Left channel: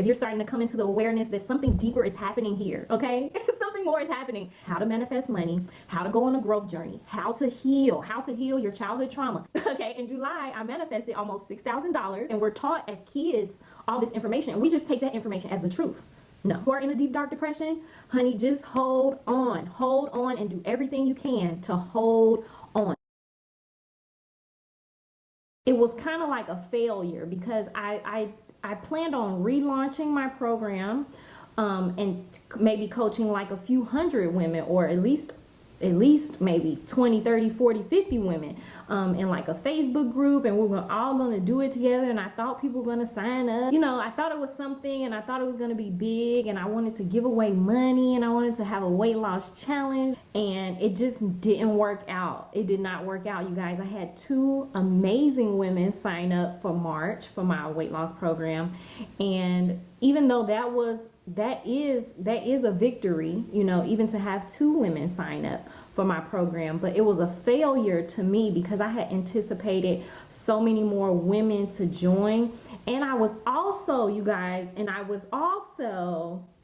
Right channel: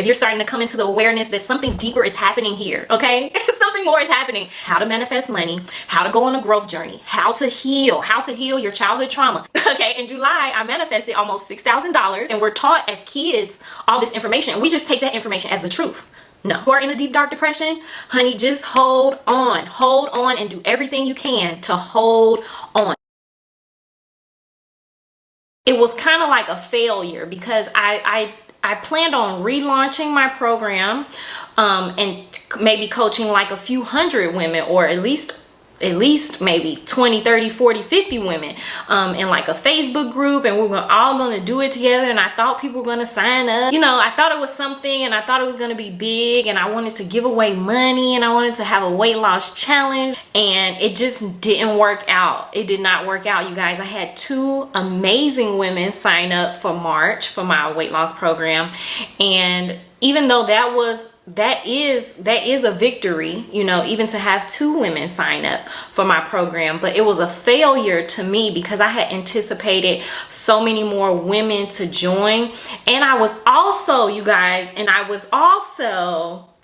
if you're starting to come into the awareness that something deeper is happening here, okay? Something more is happening. How to manifest money, how to go on a growth journey, how to heal your childhood trauma. Okay, in July, I manifested almost $6,000, and we're taught as kids all this information, and we just take that information as the truth. No. If you are in a deep, dark depression, honey, just hold on, and do everything you can to hold on. It was kind of like a failure because I planned on relaunching my program and maybe coaching like a few hundred women, or at least maybe 20, 30, 40, 50 women in like a Facebook group, and we were all gonna do it together, and I thought people were gonna sign up. You know, I thought it was something, and I thought it was gonna be big, and I wanted to give away money, and I wanted to have a weight loss challenge, and it just didn't work out. It did not work out, you guys. I had 2 amazing women sign up for March for my weight loss program, and even though that is a victory, you know, even to have 2 women sign up for my program, but it was a failure to me because I had anticipated so many more women to join. And I was also, you guys,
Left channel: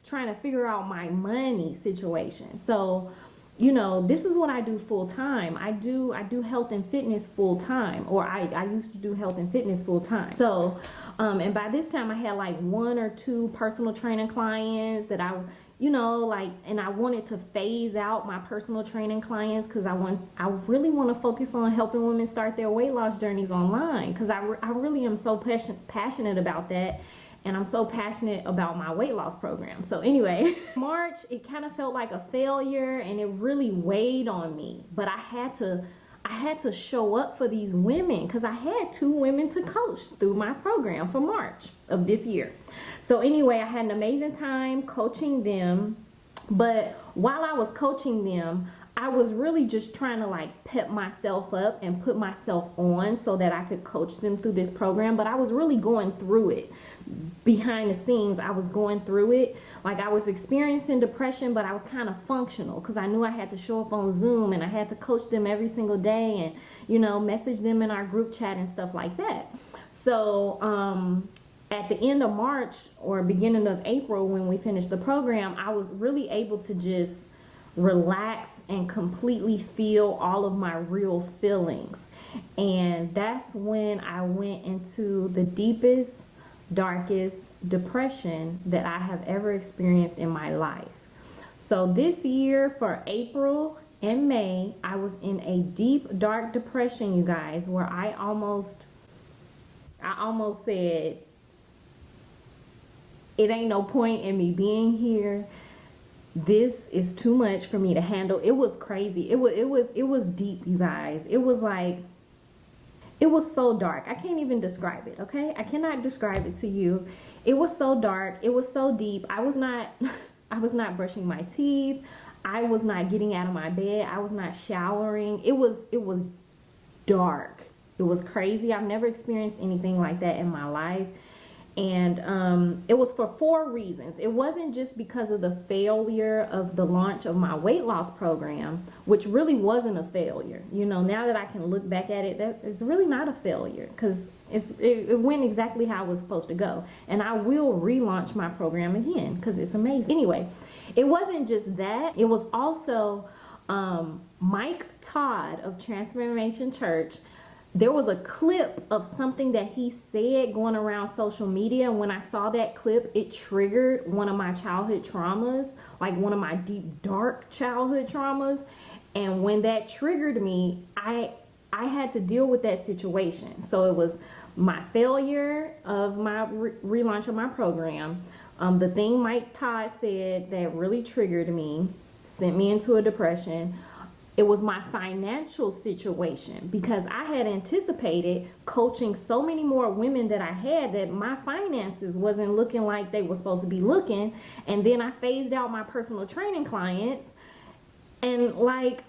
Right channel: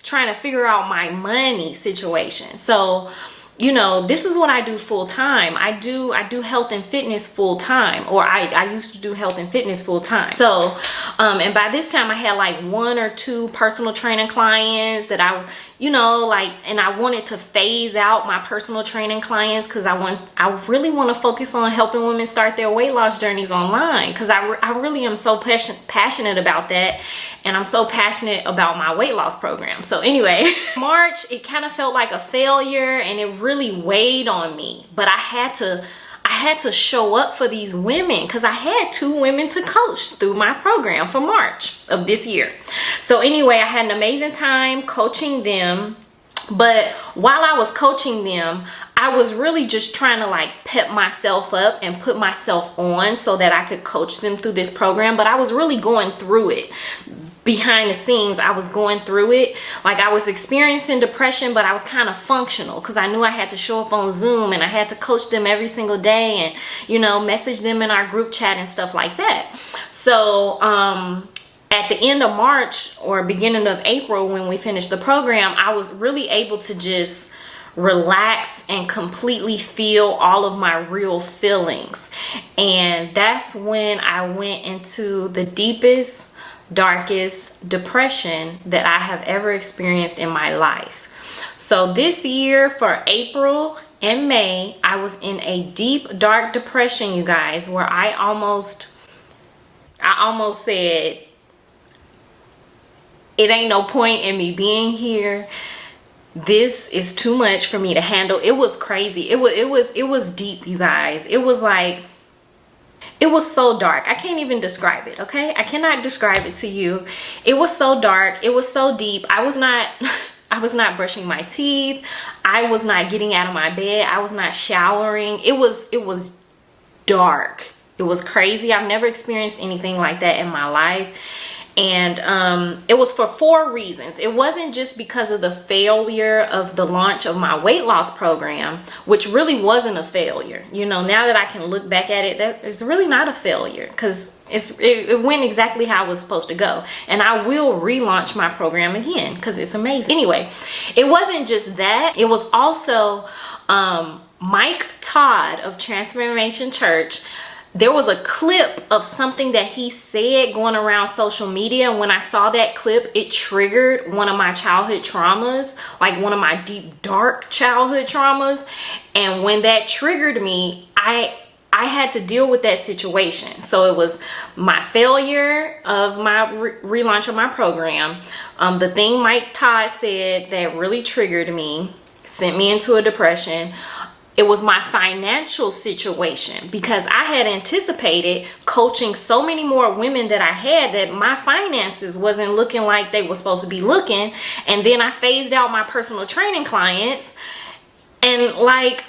trying to figure out my money situation. So, you know, this is what I do full time. I do health and fitness full time, or I used to do health and fitness full time. So, and by this time I had like 1 or 2 personal training clients that I, you know, like, and I wanted to phase out my personal training clients because I really want to focus on helping women start their weight loss journeys online, because I really am so passionate about that. And I'm so passionate about my weight loss program. So anyway, March, it kind of felt like a failure, and it really weighed on me. But I had to show up for these women because I had 2 women to coach through my program for March of this year. So anyway, I had an amazing time coaching them. But while I was coaching them, I was really just trying to like pep myself up and put myself on so that I could coach them through this program. But I was really going through it. Behind the scenes, I was going through it. Like, I was experiencing depression, but I was kind of functional because I knew I had to show up on Zoom, and I had to coach them every single day, and, you know, message them in our group chat and stuff like that. So at the end of March or beginning of April, when we finished the program, I was really able to just relax and completely feel all of my real feelings. And that's when I went into the deepest, darkest depression that I have ever experienced in my life. So this year, for April and May, I was in a deep, dark depression, you guys, where I almost said, it ain't no point in me being here. This is too much for me to handle. It was crazy. It was deep, you guys. It was like, it was so dark. I can't even describe it, okay? I cannot describe it to you. It was so dark. It was so deep. I was not brushing my teeth. I was not getting out of my bed. I was not showering. It was dark. It was crazy. I've never experienced anything like that in my life. And it was for 4 reasons. It wasn't just because of the failure of the launch of my weight loss program, which really wasn't a failure. You know, now that I can look back at it, that it's really not a failure, because it went exactly how it was supposed to go. And I will relaunch my program again because it's amazing. Anyway, it wasn't just that. It was also Mike Todd of Transformation Church. There was a clip of something that he said going around social media, and when I saw that clip, it triggered one of my childhood traumas, like one of my deep, dark childhood traumas. And when that triggered me, I had to deal with that situation. So it was my failure of my relaunch of my program, the thing Mike Todd said that really triggered me, sent me into a depression. It was my financial situation, because I had anticipated coaching so many more women that I had that my finances wasn't looking like they were supposed to be looking. And then I phased out my personal training clients, and like,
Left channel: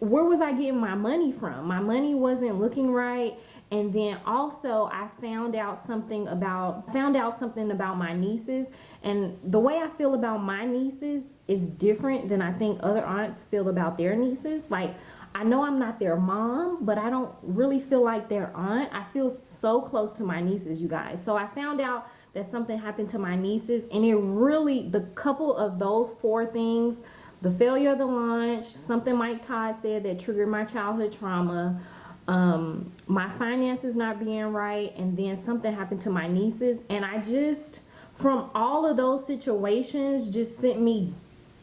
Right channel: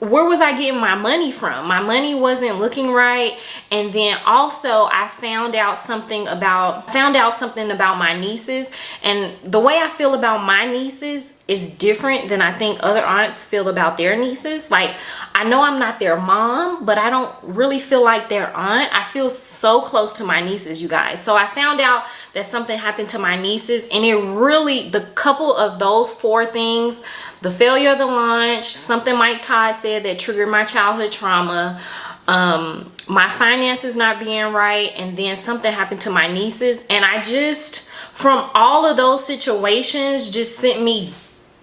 where was I getting my money from? My money wasn't looking right. And then also I found out something about my nieces, and the way I feel about my nieces is different than I think other aunts feel about their nieces. Like, I know I'm not their mom, but I don't really feel like their aunt. I feel so close to my nieces, you guys. So I found out that something happened to my nieces, and it really, the couple of those 4 things, the failure of the launch, something Mike Todd said that triggered my childhood trauma, my finances not being right, and then something happened to my nieces, and I just, from all of those situations, just sent me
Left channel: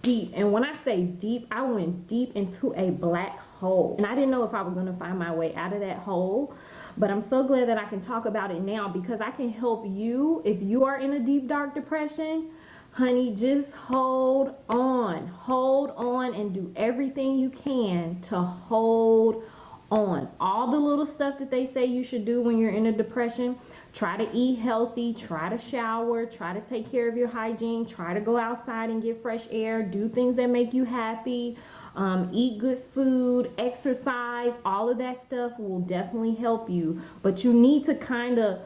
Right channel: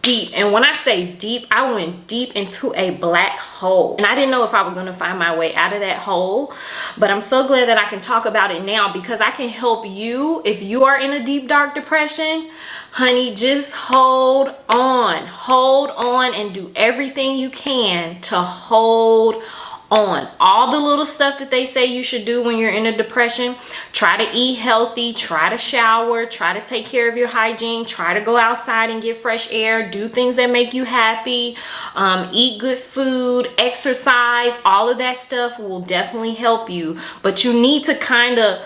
deep. And when I say deep, I went deep into a black hole, and I didn't know if I was going to find my way out of that hole. But I'm so glad that I can talk about it now, because I can help you if you are in a deep dark depression. Honey, just hold on and do everything you can to hold on. All the little stuff that they say you should do when you're in a depression. Try to eat healthy, try to shower, try to take care of your hygiene, try to go outside and get fresh air, do things that make you happy, eat good food, exercise. All of that stuff will definitely help you, but you need to kind of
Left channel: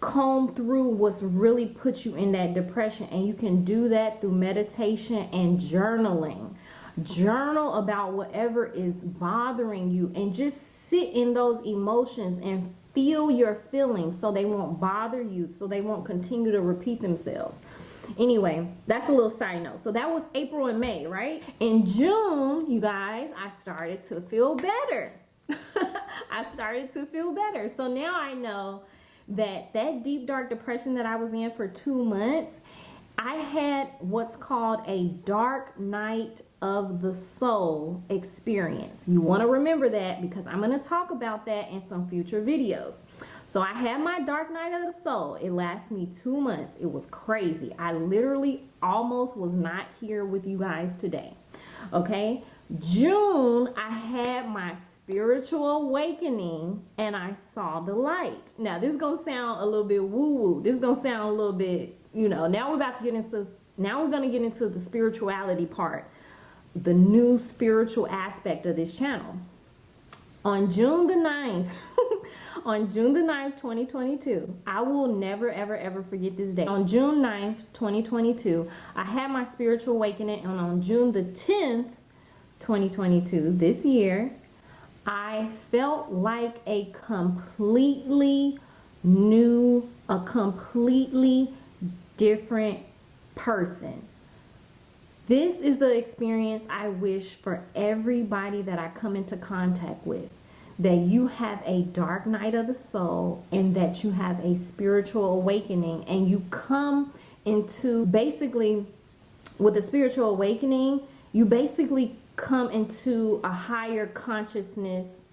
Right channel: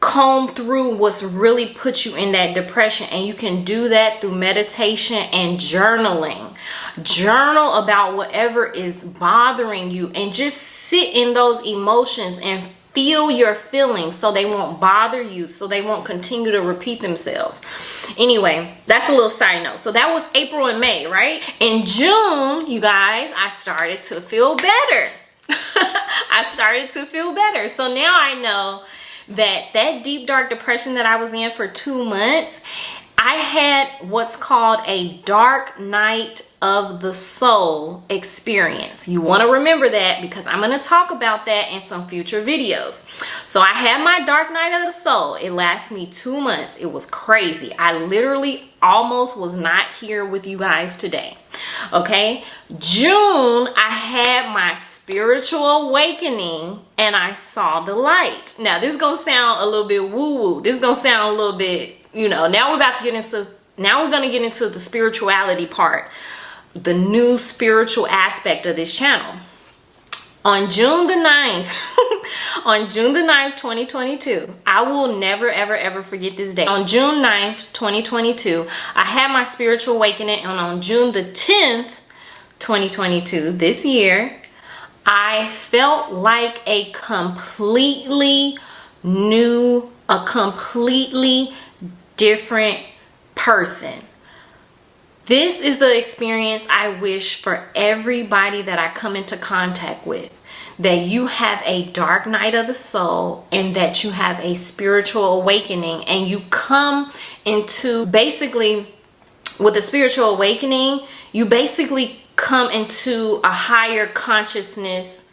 comb through what's really put you in that depression, and you can do that through meditation and journaling. Journal about whatever is bothering you, and just sit in those emotions and feel your feelings so they won't bother you, so they won't continue to repeat themselves. Anyway, that's a little side note. So that was April and May, right? In June, you guys, I started to feel better. I started to feel better. So now I know that deep dark depression that I was in for 2 months, I had what's called a dark night of the soul experience. You want to remember that, because I'm going to talk about that in some future videos. So I had my dark night of the soul. It lasted me 2 months. It was crazy. I literally almost was not here with you guys today. Okay, June, I had my spiritual awakening, and I saw the light. Now this is gonna sound a little bit woo-woo. This is gonna sound a little bit, you know, now we're gonna get into the spirituality part, the new spiritual aspect of this channel. On June the 9th, on June the 9th, 2022, I will never, ever, ever forget this day. On June 9th, 2022, I had my spiritual awakening, and on June the 10th, 2022, this year, I felt like a completely new, a completely different person. This is the experience I wish for everybody that I come into contact with. That you have a dark night of the soul, and that you have a spiritual awakening, and you come into, basically, with a spiritual awakening, you basically come into a higher consciousness,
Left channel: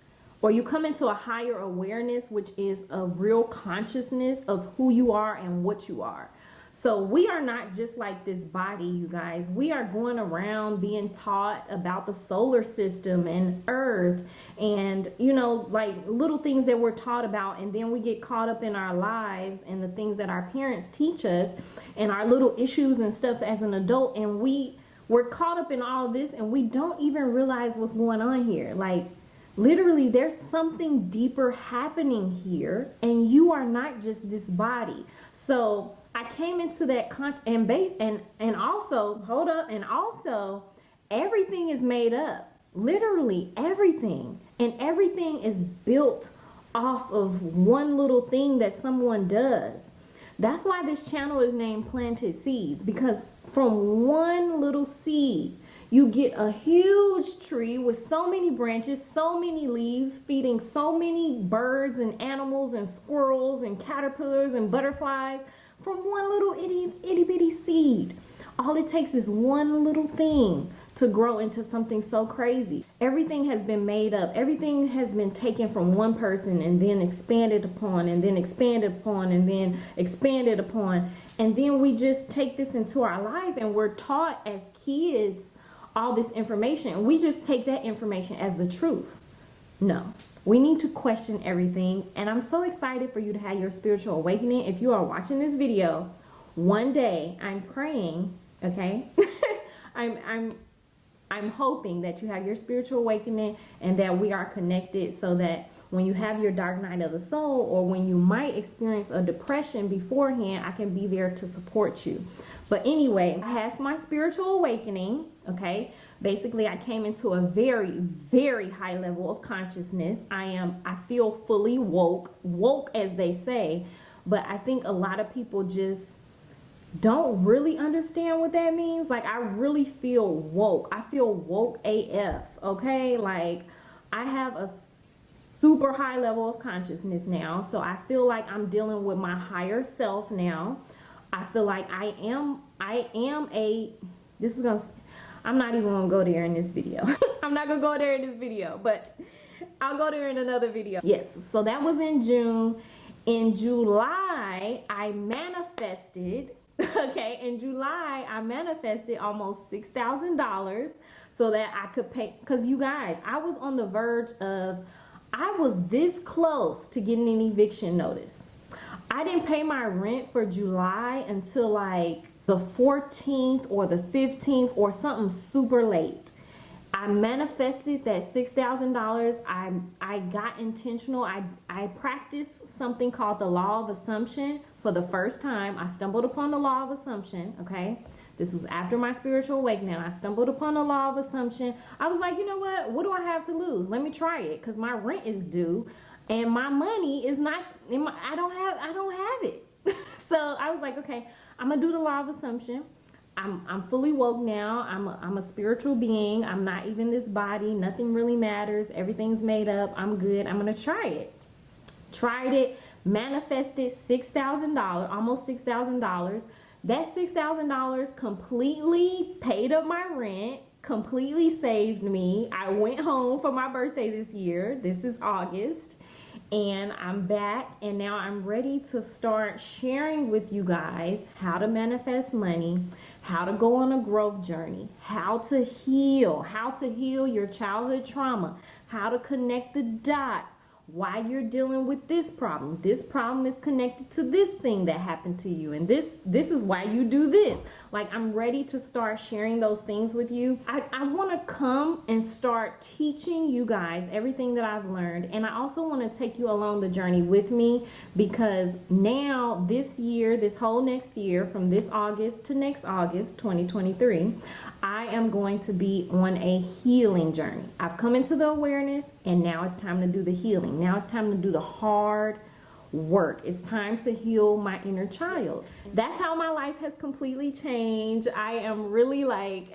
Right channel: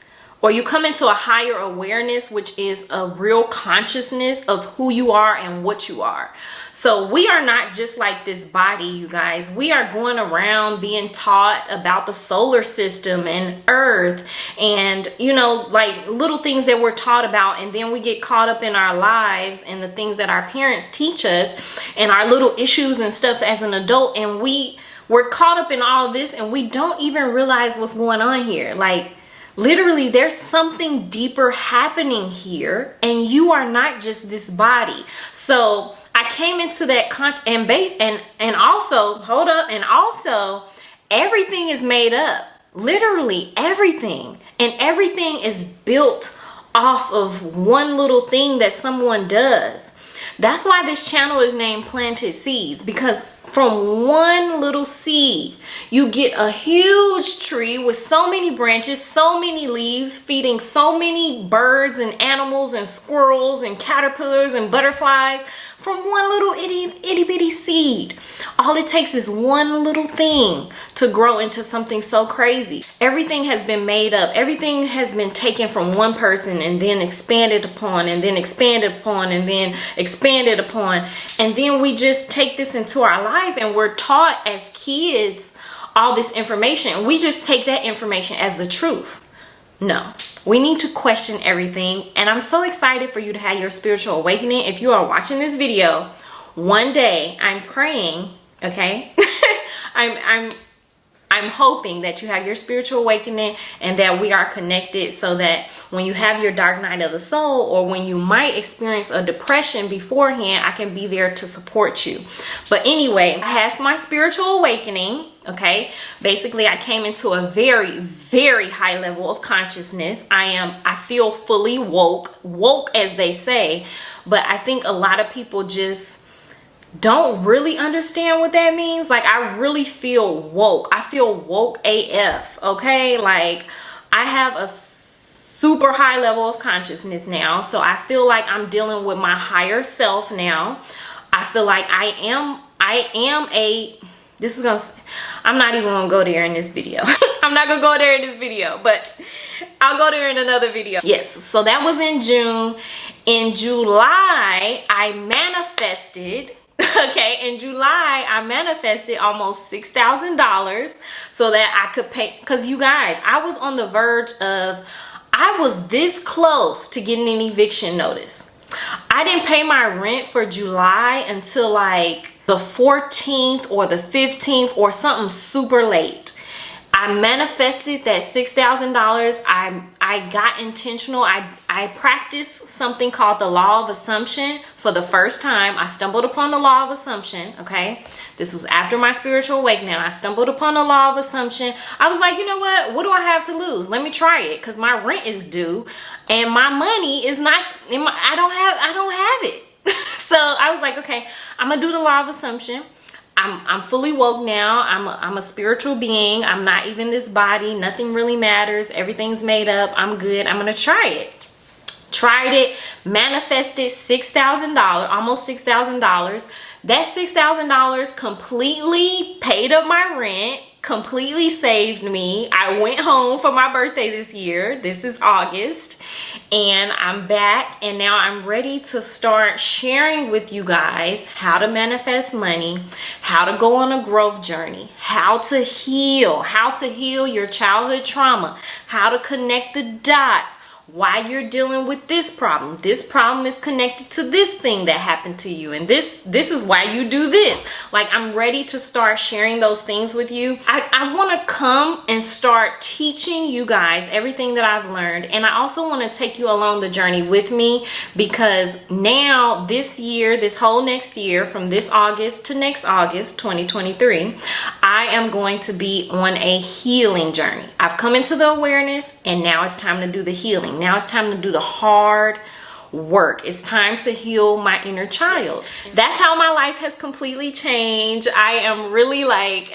or you come into a higher awareness, which is a real consciousness of who you are and what you are. So we are not just like this body, you guys. We are going around being taught about the solar system and Earth, and, you know, like little things that we're taught about, and then we get caught up in our lives and the things that our parents teach us and our little issues and stuff as an adult, and we're caught up in all this, and we don't even realize what's going on here. Like, literally, there's something deeper happening here, and you are not just this body. So I came into that and also, hold up, and also everything is made up. Literally everything. And everything is built off of one little thing that someone does. That's why this channel is named Planted Seeds, because from one little seed, you get a huge tree with so many branches, so many leaves, feeding so many birds and animals and squirrels and caterpillars and butterflies from one little itty bitty seed. All it takes is one little thing to grow into something so crazy. Everything has been made up. Everything has been taken from one person and then expanded upon, and then expanded upon, and then expanded upon. And then we just take this into our life, and we're taught as kids all this information. We just take that information as the truth. No, we need to question everything. And I'm so excited for you to have your spiritual awakening. If you are watching this video, one day I'm praying, okay? I'm I'm hoping that you have your spiritual awakening and that we are connected, so that when you have your dark night of the soul, or when you might experience a depression beforehand, I can be there to support you. But anyway, I had my spiritual awakening. Okay, basically I came into a very, very high level of consciousness. I feel fully woke as they say, but I think a lot of people just don't really understand what that means. Like, I really feel woke. I feel woke AF. Okay, like I have a super high level of consciousness now, so I feel like I'm dealing with my higher self now. I feel like I'm not even gonna go there in this video. I'm not gonna go there in this video, but I'll go there in another video. Yes, so that was in June. In July, I manifested. Okay, in July, I manifested almost $6,000 so that I could pay. Because you guys, I was on the verge of, I was this close to getting an eviction notice. I didn't pay my rent for July until like the 14th or the 15th or something super late. I manifested that $6,000. I got intentional. I practiced something called the law of assumption for the first time. I stumbled upon the law of assumption. Okay, this was after my spiritual awakening. I stumbled upon the law of assumption. I was like, you know what do I have to lose? Let me try it, because my rent is due and my money is not in my, I don't have it. So I was like, okay, I'm gonna do the law of assumption. I'm fully woke now. I'm a spiritual being. I'm not even this body. Nothing really matters. Everything's made up. I'm good. I'm gonna try it. Tried it, manifested $6,000, almost $6,000. That $6,000 completely paid up my rent, completely saved me. I went home for my birthday this year. This is August. And I'm back, and now I'm ready to start sharing with you guys how to manifest money, how to go on a growth journey, how to heal your childhood trauma, how to connect the dots, why you're dealing with this problem. This problem is connected to this thing that happened to you, and this is why you do this. Like, I'm ready to start sharing those things with you. I want to come and start teaching you guys everything that I've learned, and I also want to take you along the journey with me, because now this year, this whole next year, from this August to next August 2023, I am going to be on a healing journey. I've come into the awareness, and now it's time to do the healing. Now it's time to do the hard work. It's time to heal my inner child. That's how my life has completely changed. I am really like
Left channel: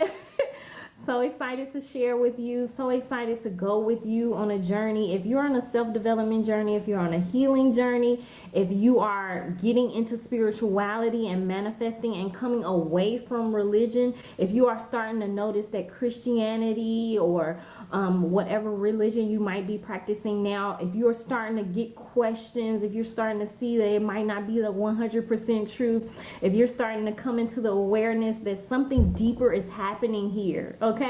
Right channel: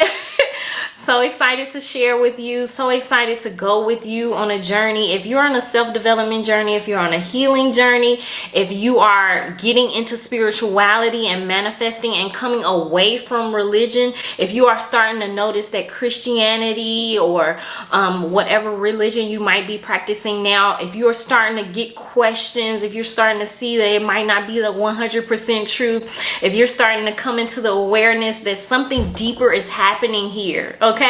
so excited to share with you, so excited to go with you on a journey. If you're on a self-development journey, if you're on a healing journey, if you are getting into spirituality and manifesting and coming away from religion, if you are starting to notice that Christianity or whatever religion you might be practicing now, if you're starting to get questions, if you're starting to see that it might not be the 100% truth, if you're starting to come into the awareness that something deeper is happening here, okay?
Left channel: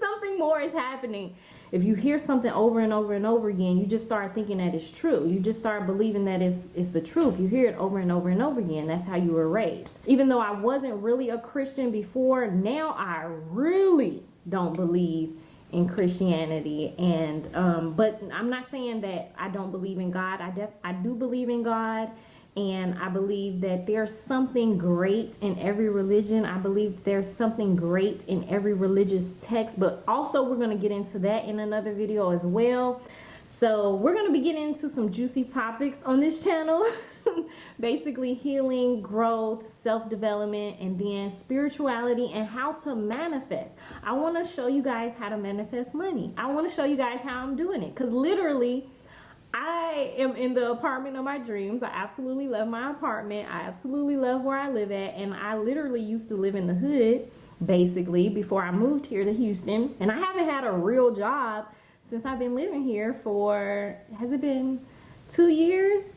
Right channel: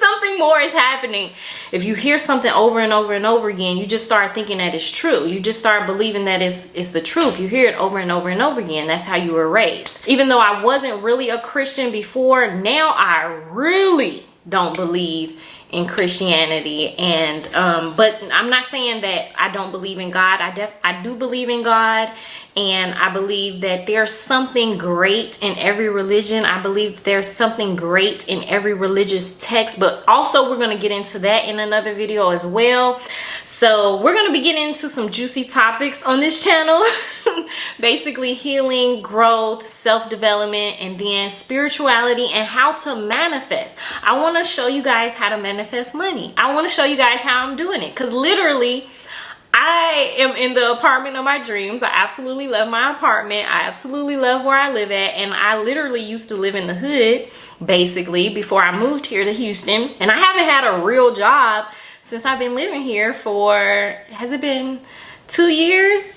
Something more is happening. If you hear something over and over and over again, you just start thinking that it's true. You just start believing that it's the truth. You hear it over and over and over again. That's how you were raised. Even though I wasn't really a Christian before, now I really don't believe in Christianity. And but I'm not saying that I don't believe in God. I do believe in God, and I believe that there's something great in every religion. I believe there's something great in every religious text, but also we're going to get into that in another video as well. So we're going to be getting into some juicy topics on this channel. Basically healing, growth, self-development, and then spirituality and how to manifest. I want to show you guys how to manifest money. I want to show you guys how I'm doing it, because literally I am in the apartment of my dreams. I absolutely love my apartment. I absolutely love where I live at. And I literally used to live in the hood, basically, before I moved here to Houston. And I haven't had a real job since I've been living here for, has it been 2 years?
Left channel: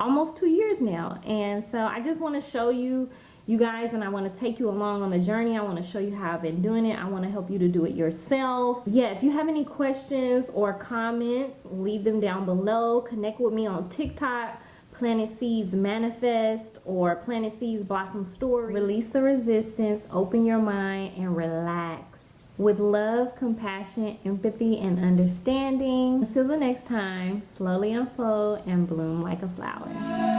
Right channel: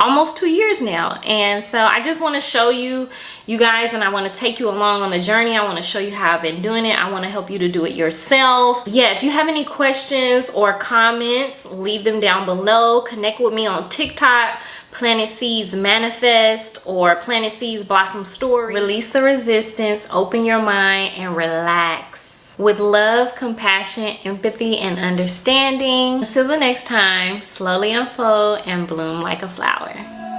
Almost 2 years now. And so I just want to show you guys, and I want to take you along on the journey. I want to show you how I've been doing it. I want to help you to do it yourself. Yeah, if you have any questions or comments, leave them down below. Connect with me on TikTok, Planet Seeds Manifest, or Planet Seeds Blossom Story. Release the resistance, open your mind, and relax. with love, compassion, empathy, and understanding. Until the next time, slowly unfold and bloom like a flower.